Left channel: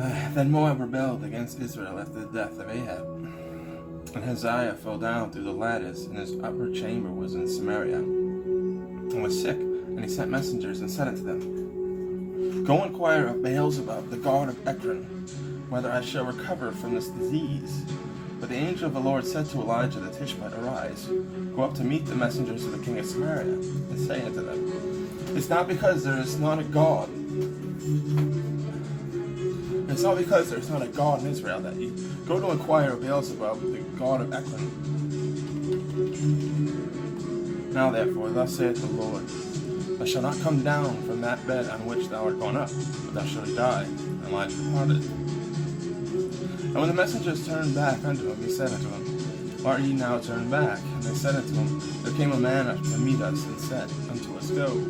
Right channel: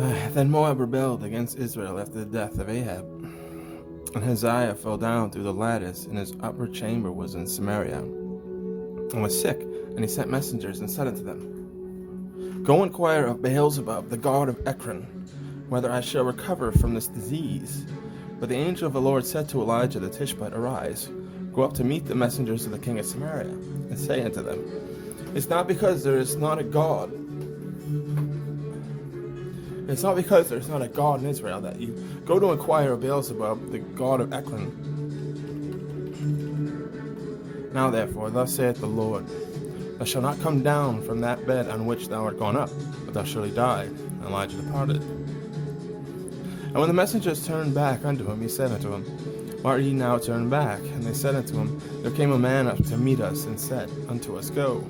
Then Moab rebelled against Israel after the death of Ahab. And Hazael fell down through the lattice, and his upper chamber was in Samaria, and was sick. And he sent messengers and said unto them, Go inquire of Beelzebub, the god of Ekron, whether I shall recover from this disease. But the angel of the Lord said to Elijah the Tishbite, Arise, go up to meet the messengers of the king of Samaria, and say unto them, It's not because there is not a God. It's not because there is not a God in Israel that you go to inquire of Beelzebub, the god of Ekron. Now therefore, thus saith the Lord, Thou shalt not come down from that bed on which thou art gone up, but thou shalt die. And Elijah departed. And when the messengers turned back unto him, he said unto them, Why are ye now turned back? And they said unto him, There came a man up to meet us, and said unto us, Go,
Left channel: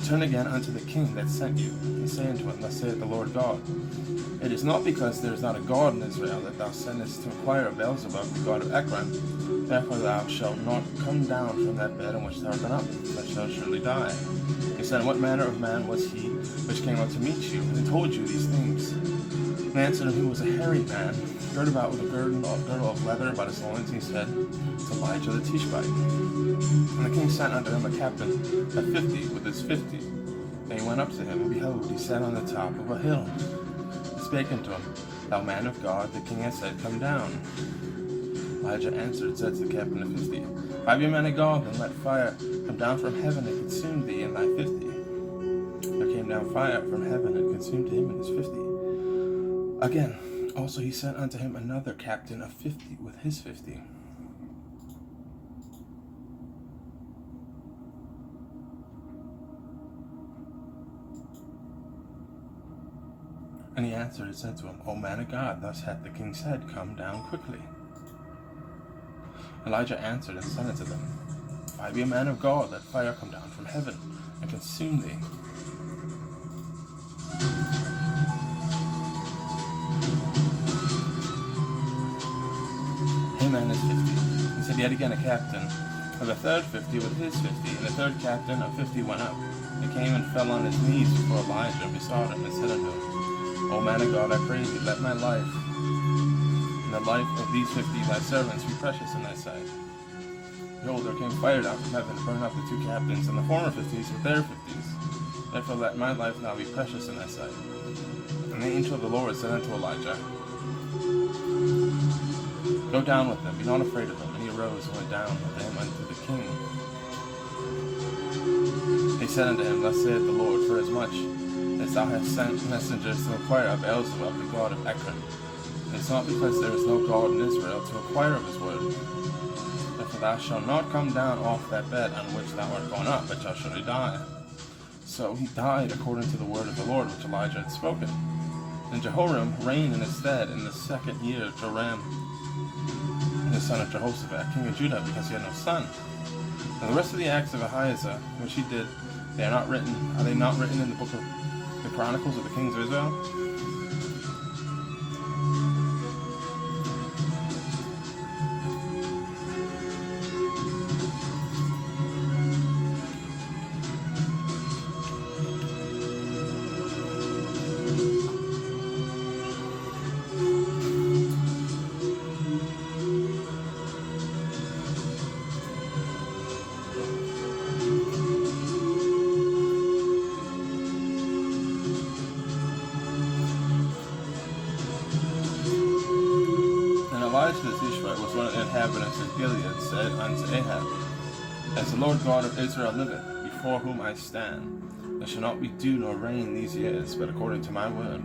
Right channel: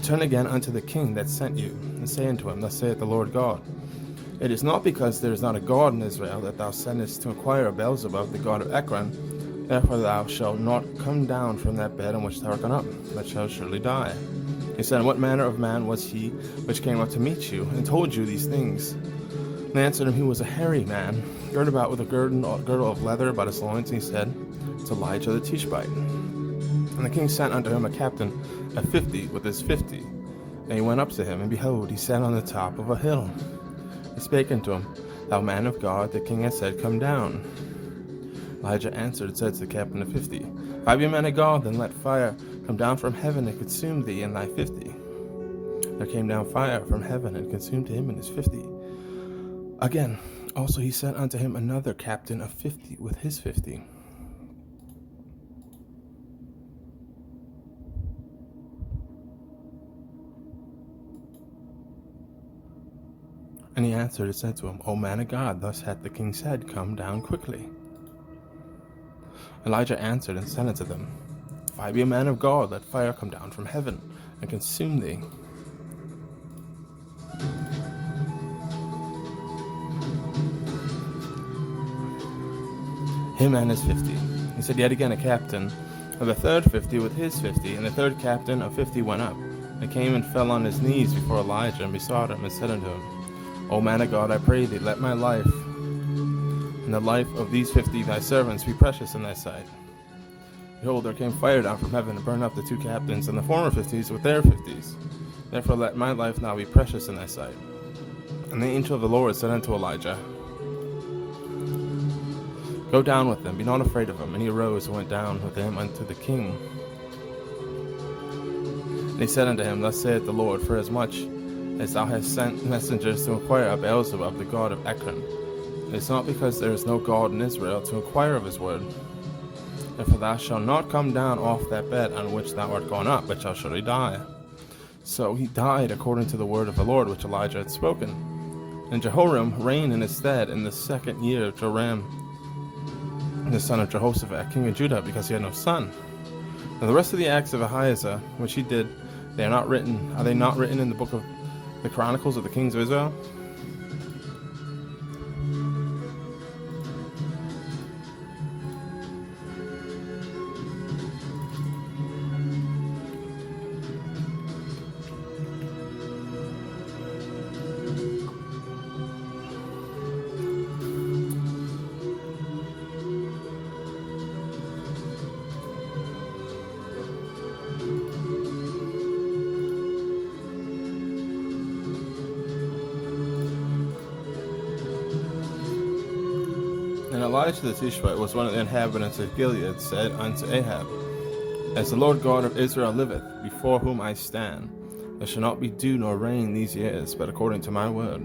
turn again unto the king that sent you, and say unto him, Thus saith the Lord God, It is not because there is not a God in Israel that thou sendest to inquire of Beelzebub, the god of Ekron. Therefore thou shalt not come down from that bed on which thou art gone up, but shalt surely die. He said, What manner of man was he which came up to meet you, and told you these things? And they answered him, He was a hairy man, girded about with a girdle of leather about his loins. And he said, It's Elijah the Tishbite. And the king sent unto him a captain of 50 with his 50. And he went up to him, and behold, he sat on the top of a hill. He spake unto him, Thou man of God, the king hath said, Come down. Elijah answered and said to the captain of 50, If I be a man of God, then let fire come down from heaven and consume thee and thy 50. There came down fire from heaven and consumed him and his 50. Again, also he sent unto him another captain of 50 with his 50. And he answered and said to him, O man of God, thus hath the king said, Come down quickly. Elijah answered and said unto them, If I be a man of God, let fire come down from heaven and consume thee. Him and his 50. He said yet again a captain of the third 50 with his 50, and the third captain of 50 went up, and came and fell on his knees before Elijah, and besought him, and said unto him, O man of God, I pray thee, let my life and the life of these 50 thy servants be precious in thy sight. Behold, there came fire down from heaven to burn up the two captains and the former 50s with their 50s. Therefore let my life now be precious in thy sight. And the angel of the Lord said unto Elijah, Go down with them, be not afraid of them. And he arose and went down with them unto the king. And he said unto him, Thus saith the Lord, Forasmuch as thou hast sent messengers to inquire of Beelzebub, the god of Ekron, it is not because there is no God in Israel to inquire of his word. Therefore thou shalt not come down off that bed on which thou art gone up, but shalt surely die. So he died according to the word of the Lord which Elijah had spoken. And Jehoram reigned in his stead in the 2nd year of Joram, the son of Jehoshaphat, king of Judah, because he had no son. And the rest of the acts of Ahijah, which he did, are they not written in the book of the Chronicles of the kings of Israel? Elishas the Tishbite was one of the inhabitants of Gilead, said unto Ahab, As the Lord God of Israel liveth, before whom I stand, there shall not be dew nor rain these years, but according to my word.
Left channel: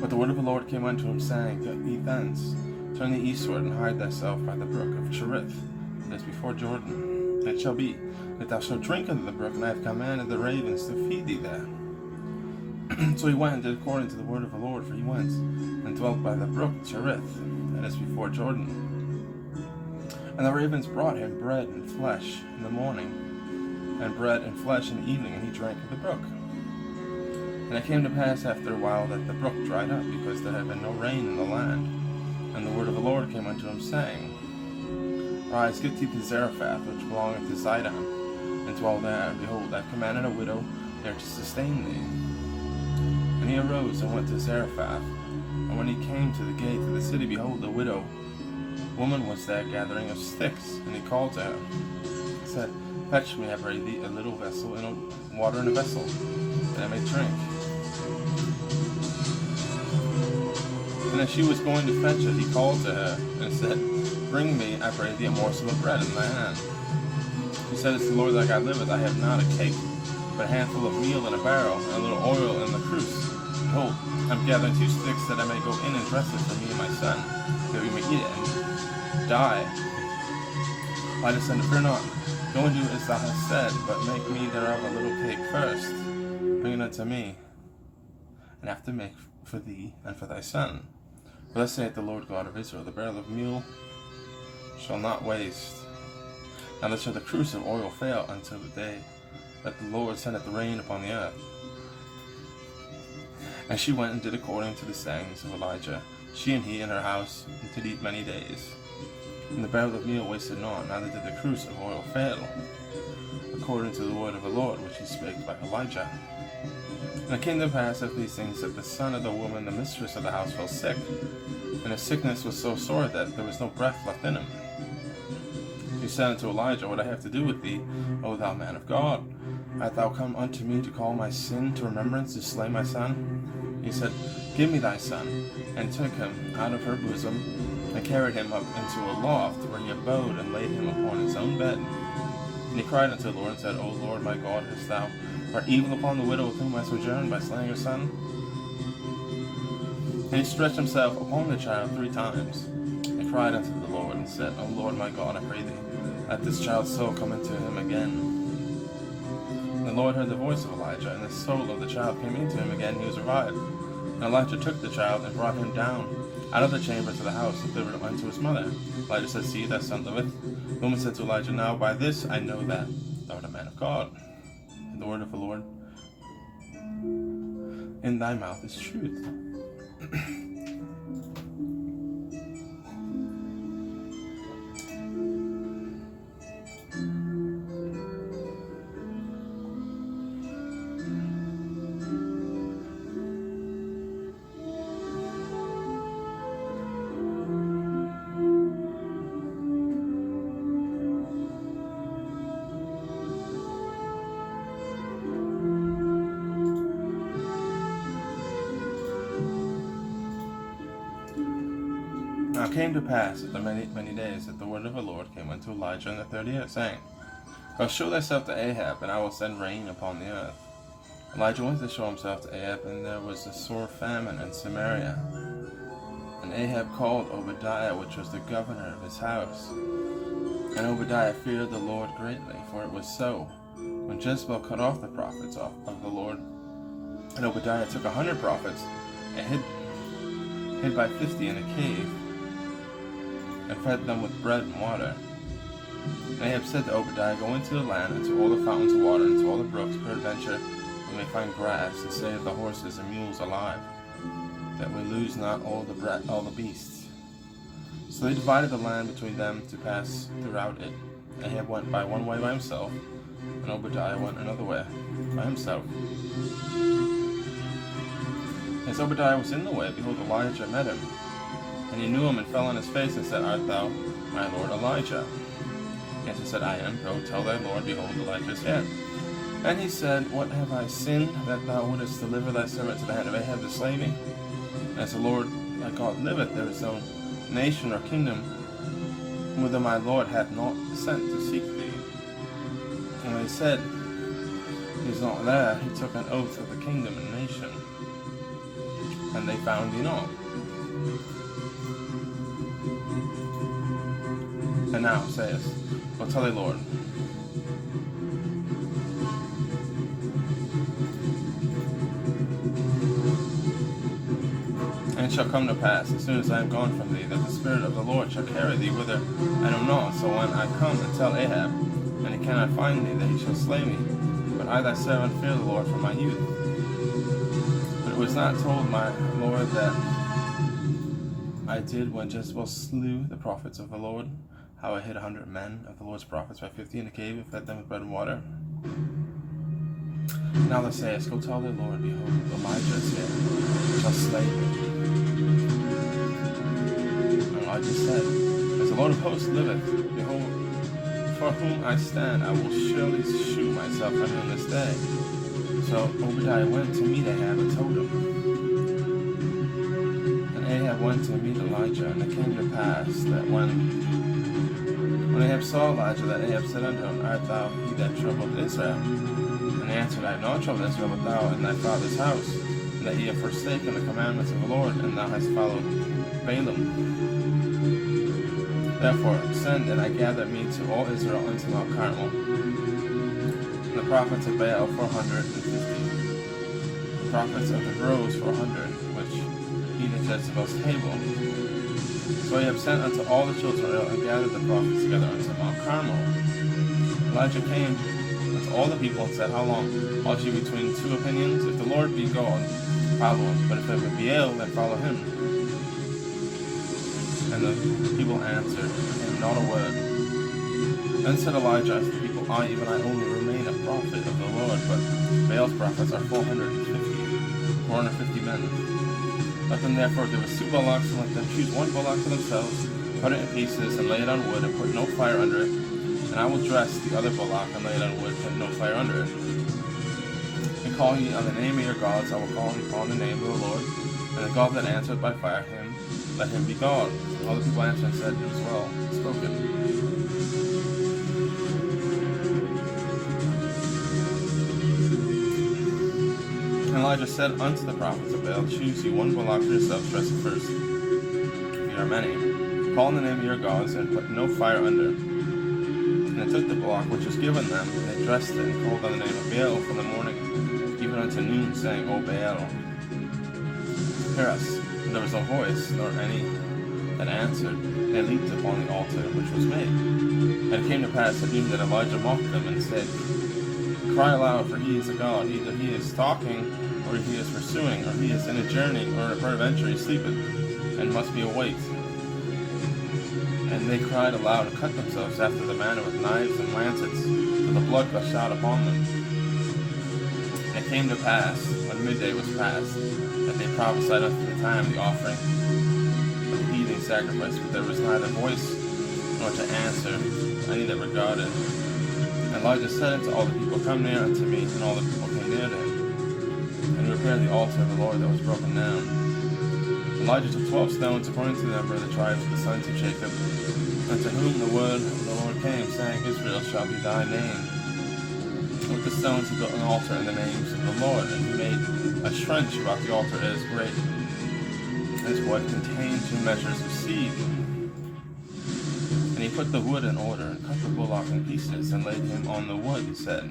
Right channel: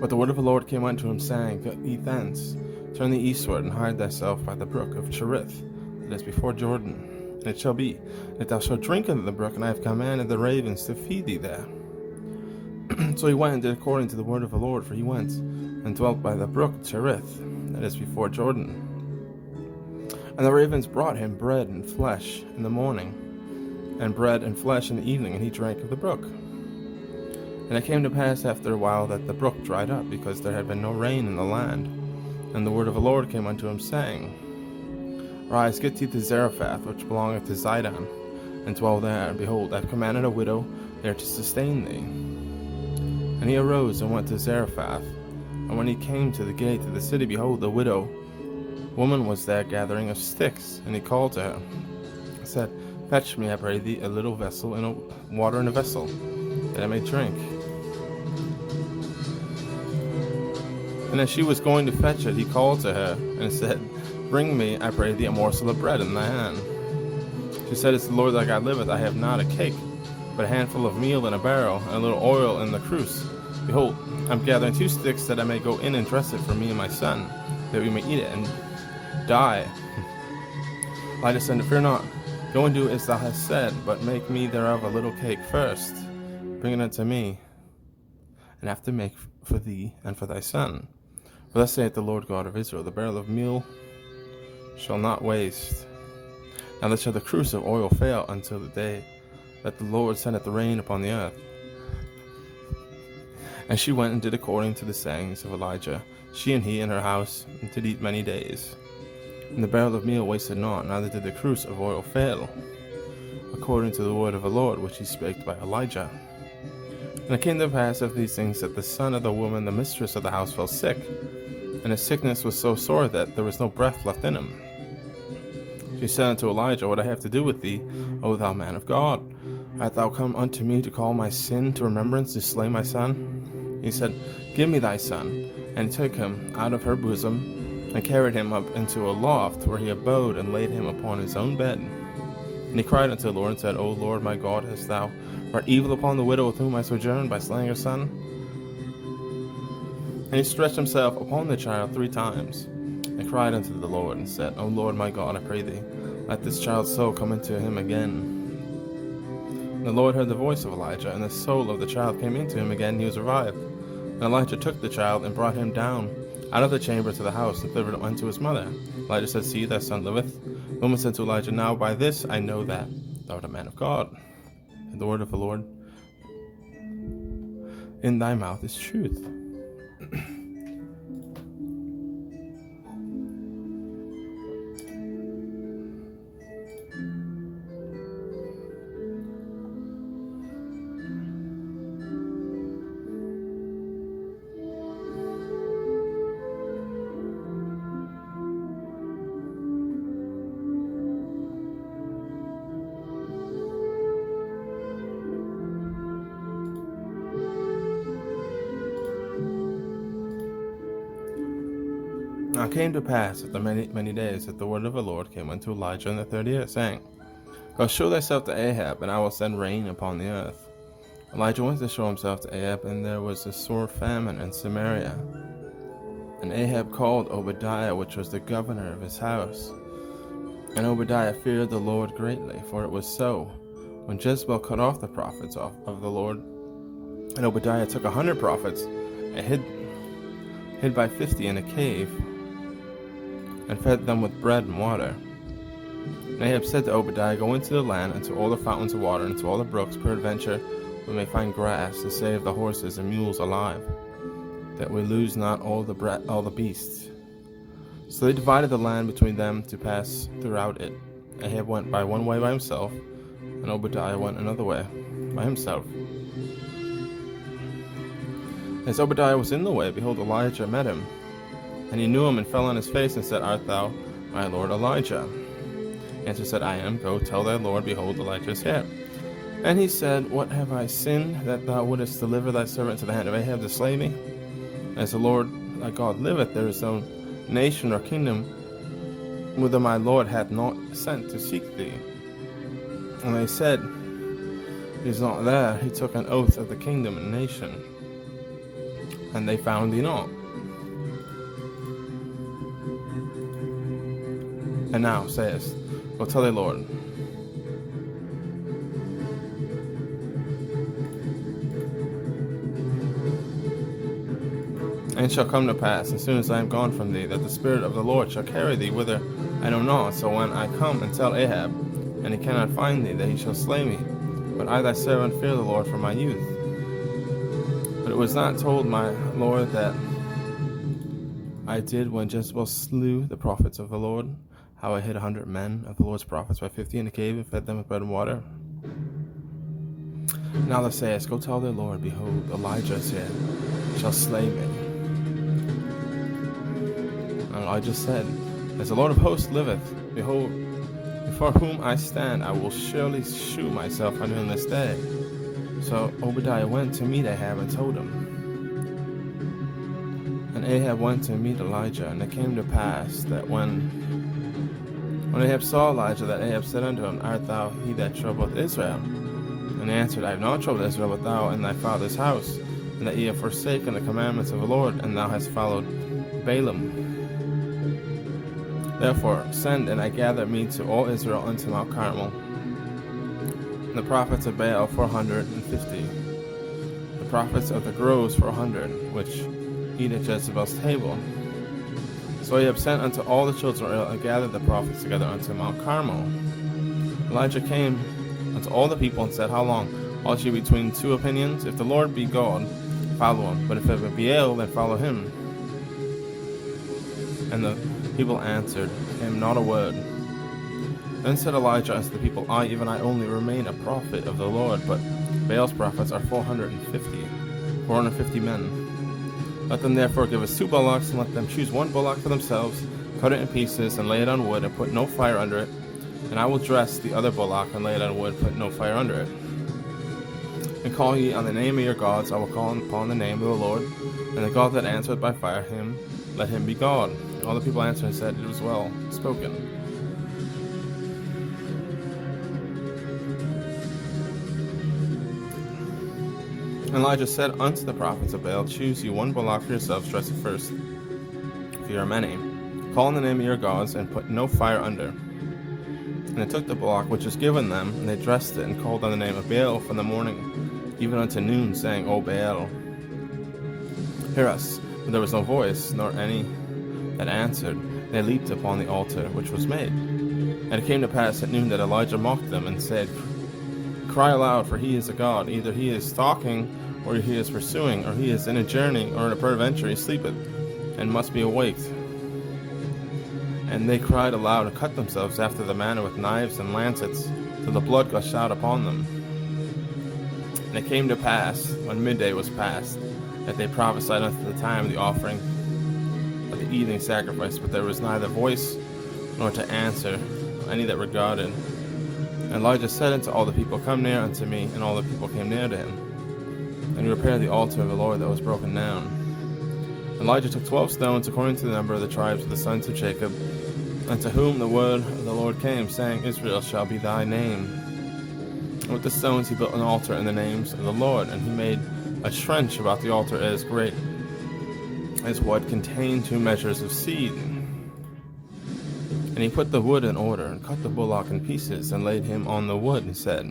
But the word of the Lord came unto him, saying, Get thee thence, turn thee eastward, and hide thyself by the brook of Cherith, that is before Jordan. And it shall be, that thou shalt drink of the brook, and I have commanded the ravens to feed thee there. So he went and did according to the word of the Lord, for he went and dwelt by the brook Cherith, that is before Jordan. And the ravens brought him bread and flesh in the morning, and bread and flesh in the evening, and he drank of the brook. And it came to pass after a while that the brook dried up, because there had been no rain in the land. And the word of the Lord came unto him, saying, Rise, get thee to Zarephath, which belongeth to Zidon, and dwell there, and behold, I have commanded a widow there to sustain thee. And he arose and went to Zarephath. And when he came to the gate of the city, behold, the widow woman was there gathering of sticks. And he called to her, and said, Fetch me, I pray thee, a little vessel, and water in a vessel, that I may drink. And as she was going to fetch it, he called to her, and said, Bring me, I pray thee, a morsel of bread in thy hand. She said, As the Lord thy God liveth, I have not a cake, but a handful of meal in a barrel, and a little oil in the cruse. Behold, I am gathering 2 sticks, that I may go in and dress it for me and my son, that we may eat it and die. Elijah said, Fear not, go and do as thou hast said, but make me thereof a little cake first. Bring it unto me, and after make for thee and for thy son. For thus saith the Lord God of Israel, the barrel of meal shall not waste, neither shall the cruse of oil fail until the day that the Lord sendeth the rain upon the earth. And she went and did according to the sayings of Elijah, she and he in her house, and did eat many days. And the barrel of meal wasted not, neither did the cruse of oil fail, according to the word of the Lord which he spake by Elijah. And it came to pass after these things that the son of the woman, the mistress of the house, fell sick, and his sickness was so sore that there was no breath left in him. She said unto Elijah, What I have to do with thee, O thou man of God? Art thou come unto me to call my sin to remembrance, to slay my son? He said, Give me thy son. And took him out of her bosom, and carried him up into a loft, where he abode, and laid him upon his own bed. And he cried unto the Lord, and said, O Lord my God, hast thou wrought evil upon the widow with whom I sojourned, by slaying her son? And he stretched himself upon the child 3 times, and cried unto the Lord, and said, O Lord my God, I pray thee, let this child's soul come into him again. And the Lord heard the voice of Elijah, and the soul of the child came into him again, and he was revived. And Elijah took the child, and brought him down out of the chamber to the house, and delivered him unto his mother. Elijah said, See, thy son liveth. The woman said to Elijah, Now by this I know that thou art a man of God, and the word of the Lord in thy mouth is truth. Now it came to pass after many days that the word of the Lord came unto Elijah in the 3rd year, saying, Go show thyself to Ahab, and I will send rain upon the earth. Elijah went to show himself to Ahab, and there was a sore famine in Samaria. And Ahab called Obadiah, which was the governor of his house. And Obadiah feared the Lord greatly, for it was so, when Jezebel cut off the prophets of the Lord. And Obadiah took 100 prophets, and hid by 50 in a cave, and fed them with bread and water. And Ahab said to Obadiah, Go into the land, and to all the fountains of water, and to all the brooks, peradventure we may find grass, to save the horses and mules alive, that we lose not all the beasts. So they divided the land between them to pass throughout it. Ahab went by one way by himself, and Obadiah went another way by himself. As Obadiah was in the way, behold, Elijah met him. And he knew him, and fell on his face, and said, Art thou my lord Elijah? And he said, I am. Go tell thy lord, behold, Elijah is here. And he said, What have I sinned, that thou wouldest deliver thy servant to the hand of Ahab to slay me? As the Lord thy God liveth, there is no nation or kingdom whither my Lord hath not sent to seek thee. And they said, He is not there. He took an oath of the kingdom and nation, and they found thee not. And now sayest, Go tell thy Lord. And it shall come to pass, as soon as I am gone from thee, that the Spirit of the Lord shall carry thee whither I know not. So when I come and tell Ahab, and he cannot find thee, that he shall slay me. But I thy servant fear the Lord from my youth. But it was not told my Lord that I did when Jezebel slew the prophets of the Lord, how I hid 100 men of the Lord's prophets by 50 in the cave and fed them with bread and water? Now thou sayest, Go tell their Lord, behold, Elijah is here, shall slay me. And Elijah said, As the Lord of hosts liveth, behold, before whom I stand, I will surely shew myself unto him this day. So Obadiah went to meet Ahab and told him. And Ahab went to meet Elijah, and it came to pass that when Ahab saw Elijah, that Ahab said unto him, Art thou he that troubled Israel? And he answered, I have not troubled Israel, but thou and thy father's house, and that ye have forsaken the commandments of the Lord, and thou hast followed Balaam. Therefore send, and I gather me to all Israel unto Mount Carmel. And the prophets of Baal 450, the prophets of the groves 400, which eat at Jezebel's table. So Ahab sent unto all the children of Israel, and gathered the prophets together unto Mount Carmel. Elijah came unto all the people, and said, How long halt ye between two opinions? If the Lord be God, follow him, but if it be Baal, then follow him. And the people answered him not a word. Then said Elijah unto the people, I, even I only, remain a prophet of the Lord, but Baal's prophets are 450 men. Let them therefore give us 2 bullocks, and let them choose 1 bullock for themselves, cut it in pieces, and lay it on wood, and put no fire under it. And I will dress the other bullock, and lay it on wood, put no fire under it. And call ye on the name of your gods, I will call upon the name of the Lord. And the God that answereth by fire, him, let him be God. And all the people answered and said, It is well spoken. And Elijah said unto the prophets of Baal, Choose you 1 bullock for yourselves, dress it first, for you are many. Call on the name of your gods, and put no fire under. And they took the bullock which was given them, and they dressed it, and called on the name of Baal from the morning even unto noon, saying, O Baal, hear us. And there was no voice, nor any that answered. They leaped upon the altar which was made. And it came to pass at noon that Elijah mocked them, and said, Cry aloud, for he is a god. Either he is stalking, or he is pursuing, or he is in a journey, or in a peradventure he sleepeth, and must be awaked. And they cried aloud, and cut themselves after the manner with knives and lancets, till the blood gushed out upon them. And it came to pass, when midday was past, that they prophesied unto the time of the offering of the evening sacrifice, but there was neither voice nor to answer any that regarded. And Elijah said unto all the people, Come near unto me. And all the people came near to him. And he repaired the altar of the Lord that was broken down. Elijah took 12 stones according to the number of the tribes of the sons of Jacob, unto whom the word of the Lord came, saying, Israel shall be thy name. And with the stones he built an altar in the names of the Lord, and he made a trench about the altar as great as what contained 2 measures of seed. And he put the wood in order, and cut the bullock in pieces, and laid him on the wood, and said,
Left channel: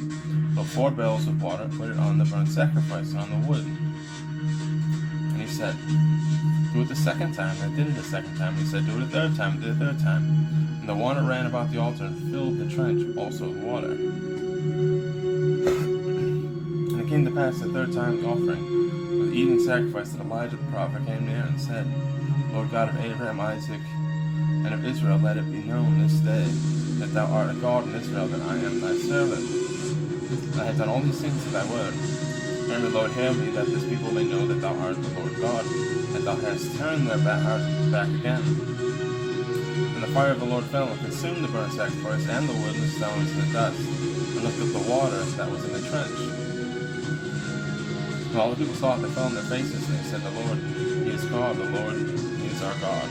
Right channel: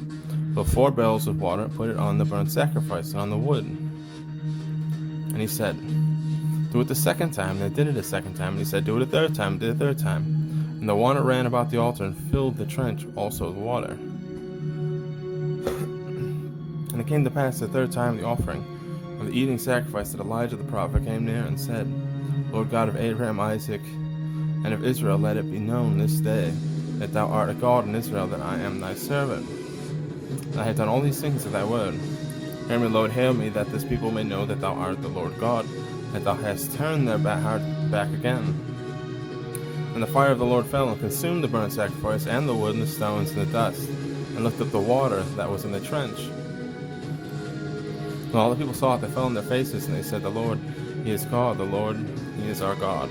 Fill 4 barrels with water, put it on the burnt sacrifice, and on the wood. And he said, Do it the second time. And they did it a second time. And he said, Do it a third time. And did it a third time. And the water ran about the altar, and filled the trench also with water. And it came to pass the 3rd time the offering of the evening sacrifice, that Elijah the prophet came near, and said, Lord God of Abraham, Isaac, and of Israel, let it be known this day that thou art a God in Israel, that I am thy servant. And I have done all these things at thy word. Hear me, Lord, hear me, that this people may know that thou art the Lord God, that thou hast turned their heart back again. And the fire of the Lord fell and consumed the burnt sacrifice, and the wood, and the stones, and the dust, and licked up the water that was in the trench. When all the people saw it, they fell on their faces, and they said, The Lord, he is God, the Lord, he is our God.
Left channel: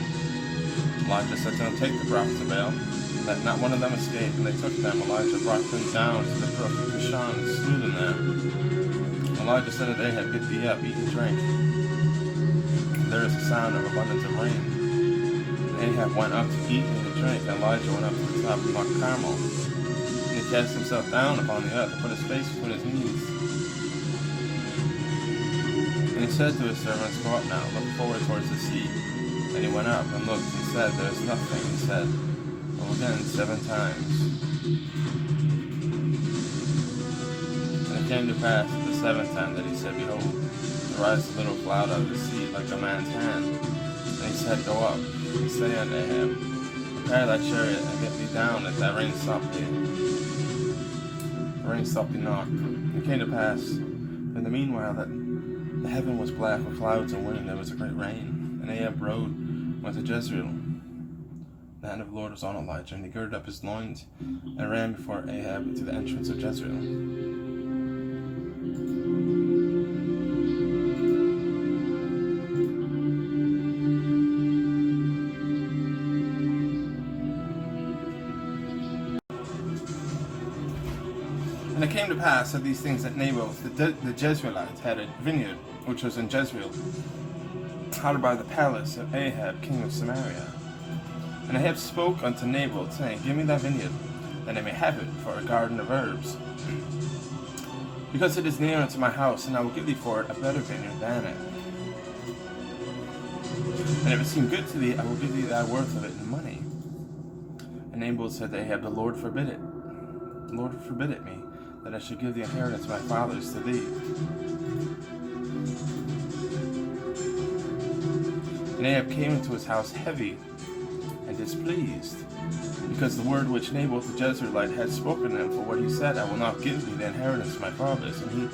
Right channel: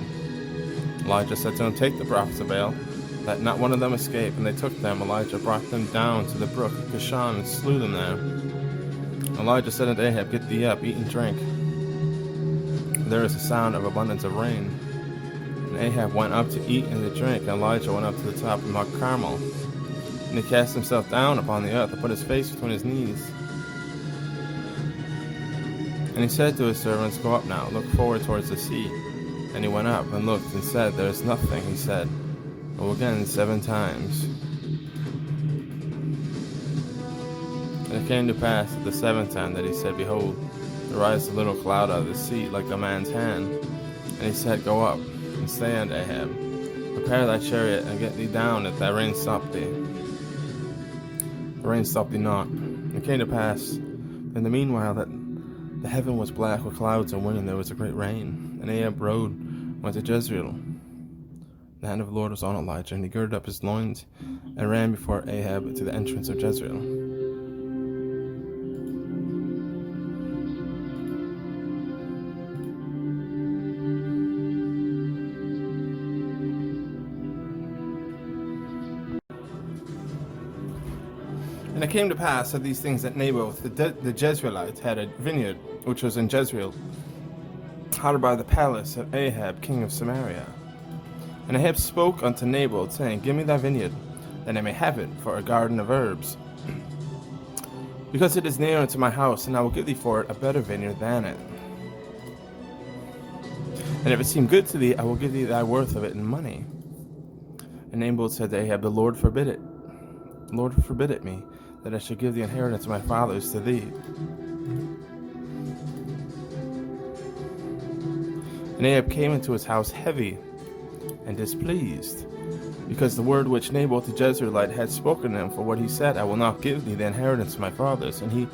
Elijah said to him, Take the prophets of Baal, let not one of them escape. And they took them. Elijah brought them down to the brook of Kishon, and slew them there. Elijah said unto Ahab, Get thee up, eat and drink. There is a sound of abundance of rain. And Ahab went up to eat and to drink, and Elijah went up to the top of Mount Carmel. And he cast himself down upon the earth, and put his face between his knees. And he said to his servants, Go up now, look forward towards the sea. And he went up and looked, and said, There is nothing. He said, Go again 7 times. And it came to pass at the 7th time that he said, Behold, there rises a little cloud out of the sea, like a man's hand. And he said, Go up, and say unto Ahab, Prepare thy chariot, and get thee down, that thy rain stop thee. The rain stopped thee not. It came to pass, in the meanwhile, that the heaven was black with clouds and wind, and there was a great rain. And Ahab went to Jezreel. The hand of the Lord was on Elijah, and he girded up his loins, and ran before Ahab to the entrance of Jezreel. And it came to pass that these things that Naboth the Jezreelite had a vineyard, which was in Jezreel, hard by the palace of Ahab king of Samaria. And Ahab spoke unto Naboth, saying, Give me thy vineyard, that I may have it for a garden of herbs, because it is near unto my house, and I will give thee for it a better vineyard than it. And if it seem good to thee, I will give thee thy worth of it in money. And Naboth said to Ahab, The Lord forbid it. The Lord forbid it me, that I should give the inheritance of my fathers to thee. And Ahab came into his house heavy and displeased, because the word which Naboth the Jezreelite had spoken to him, for what he said, I will not give thee the inheritance of my fathers. And he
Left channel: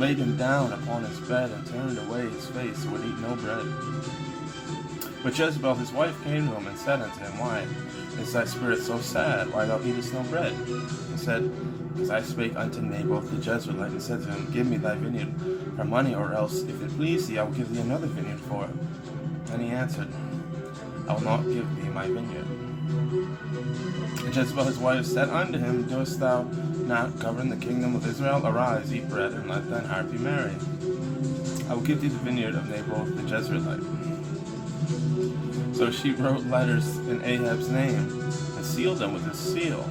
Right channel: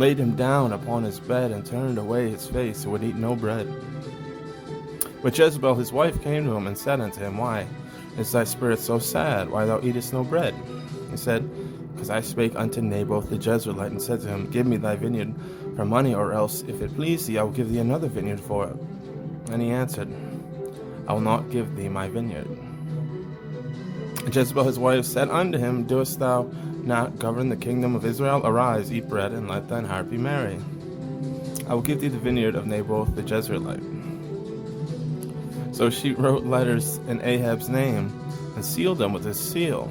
laid him down upon his bed, and turned away his face, and would eat no bread. But Jezebel his wife came to him, and said unto him, Why is thy spirit so sad? Why thou eatest no bread? He said, Because I spake unto Naboth the Jezreelite, and said to him, Give me thy vineyard for money, or else, if it please thee, I will give thee another vineyard for it. And he answered, I will not give thee my vineyard. And Jezebel his wife said unto him, Doest thou not govern the kingdom of Israel? Arise, eat bread, and let thine heart be merry. I will give thee the vineyard of Naboth the Jezreelite. So she wrote letters in Ahab's name, and sealed them with his seal,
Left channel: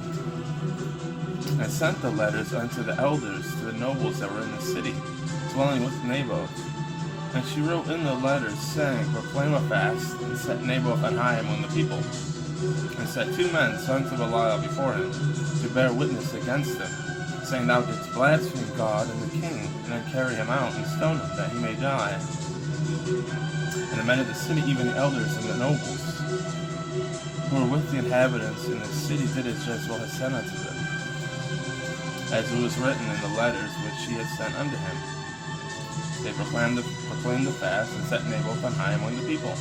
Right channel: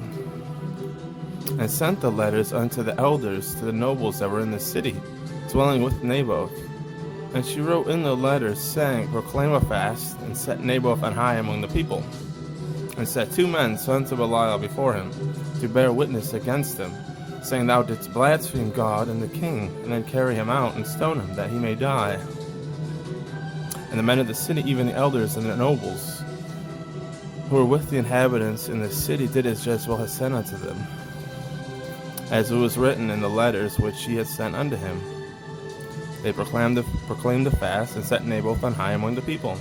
and sent the letters unto the elders, to the nobles that were in the city, dwelling with Naboth. And she wrote in the letters, saying, Proclaim a fast, and set Naboth on high among the people, and set 2 men, sons of Belial, before him, to bear witness against him, saying, Thou didst blaspheme God and the king, and then carry him out, and stone him, that he may die. And the men of the city, even the elders and the nobles, who were with the inhabitants in the city, did as Jezebel had sent unto them, as it was written in the letters which she had sent unto him. They proclaimed the fast, and set Naboth on high among the people.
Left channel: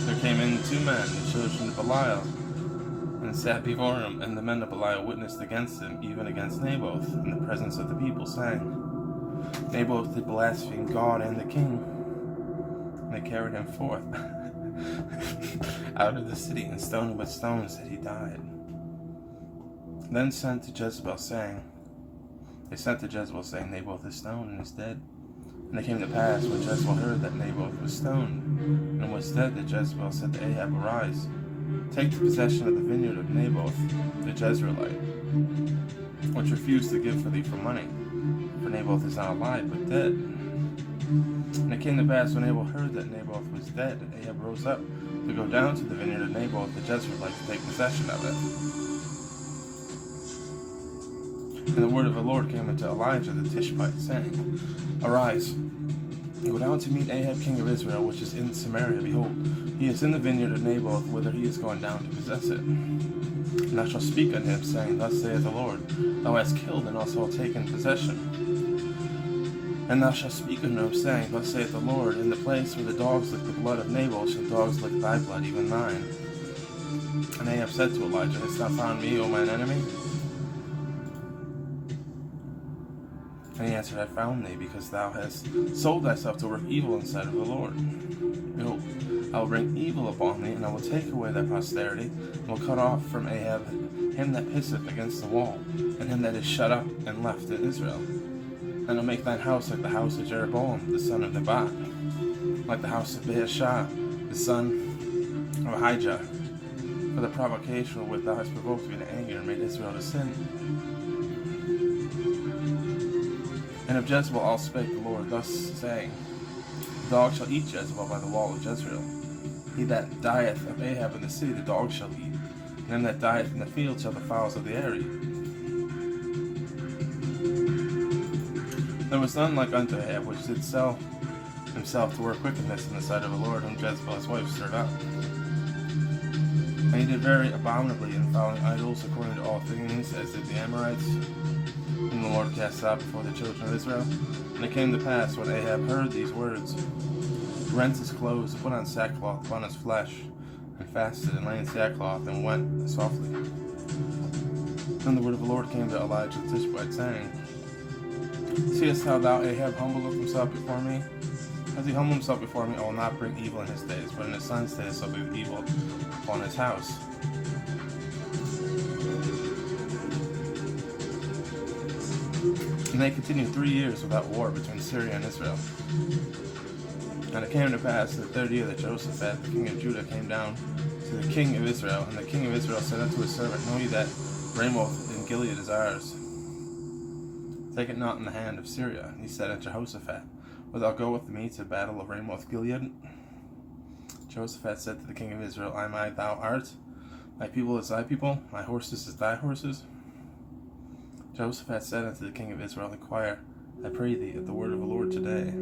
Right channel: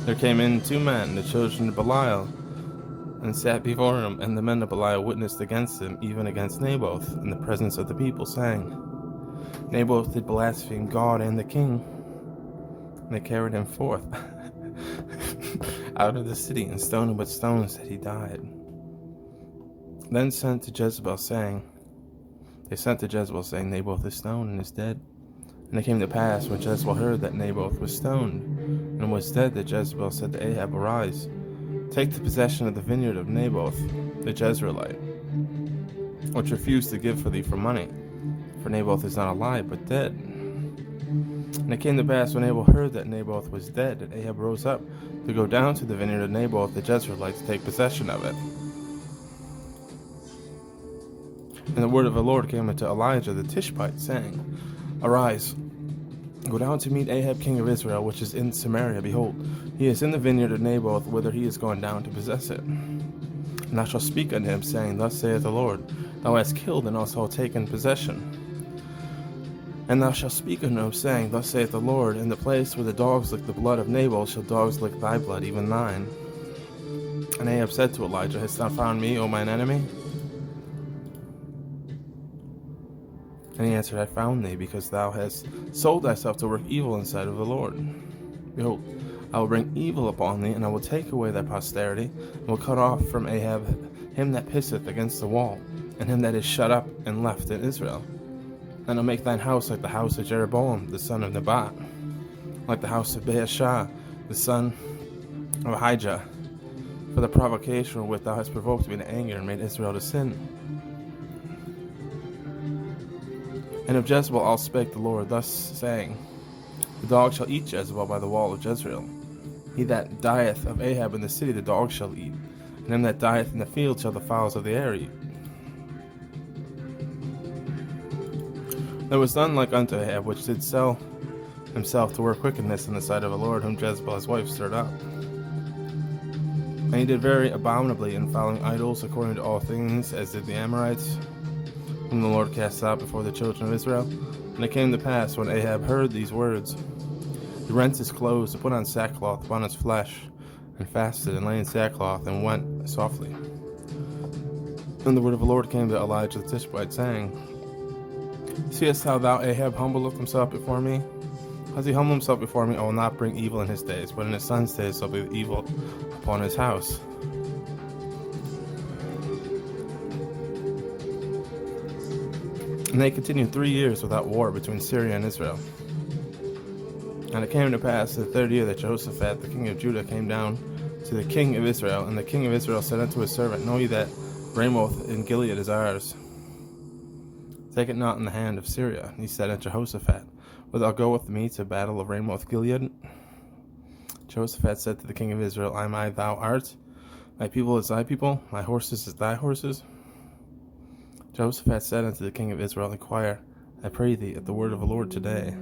There came in 2 men, the children of Belial, and sat before him, and the men of Belial witnessed against him, even against Naboth, in the presence of the people, saying, Naboth did blaspheme God and the king. And they carried him forth out of the city, and stoned him with stones, that he died. Then sent to Jezebel, saying, Naboth is stoned and is dead. And it came to pass, when Jezebel heard that Naboth was stoned and was dead, that Jezebel said to Ahab, Arise, take the possession of the vineyard of Naboth the Jezreelite, which refused to give for thee for money, for Naboth is not alive, but dead. And it came to pass, when Ahab heard that Naboth was dead, that Ahab rose up to go down to the vineyard of Naboth the Jezreelite, to take possession of it. And the word of the Lord came unto Elijah the Tishbite, saying, Arise, go down to meet Ahab king of Israel, which is in Samaria. Behold, he is in the vineyard of Naboth, whither he is gone down to possess it. And thou shalt speak unto him, saying, Thus saith the Lord, Thou hast killed and also taken possession. And thou shalt speak unto him, saying, Thus saith the Lord, In the place where the dogs lick the blood of Naboth shall dogs lick thy blood, even thine. And Ahab said to Elijah, Hast thou found me, O mine enemy? And he answered, I found thee, because thou hast sold thyself to work evil in the sight of the Lord. Behold, I will bring evil upon thee, and I will take away thy posterity, and will cut off from Ahab him that pisseth against the wall, and him that is shut up and left in Israel. And I'll make thine house like the house of Jeroboam, the son of Nebat, like the house of Baasha, the son of Ahijah, for the provocation wherewith thou hast provoked me to anger, and made Israel to sin. And of Jezebel all spake the Lord, thus saying, The dog shall eat Jezebel by the wall of Jezreel. He that dieth of Ahab in the city the dog shall eat, and him that dieth in the field shall the fowls of the air eat. There was none like unto Ahab, which did sell himself to work wickedness in the sight of the Lord, whom Jezebel his wife stirred up. And he did very abominably in following idols according to all things, as did the Amorites, whom the Lord cast out before the children of Israel. And it came to pass, when Ahab heard these words, he rent his clothes, and put on sackcloth upon his flesh, and fasted, and lay in sackcloth, and went softly. And the word of the Lord came to Elijah the Tishbite, saying, Seest thou Ahab humble himself before me? As he humble himself before me, I will not bring evil in his days, but in his son's days shall be evil upon his house. And they continued 3 years without war between Syria and Israel. And it came to pass, the 3rd year, that Jehoshaphat, the king of Judah, came down to the king of Israel. And the king of Israel said unto his servant, Know ye that Ramoth in Gilead is ours? Take it not in the hand of Syria. And he said unto Jehoshaphat, Wilt thou go with me to battle of Ramoth Gilead? Jehoshaphat said to the king of Israel, Am I thou art? My people is thy people, my horses is thy horses. Jehoshaphat said unto the king of Israel, Inquire, I pray thee, at the word of the Lord today.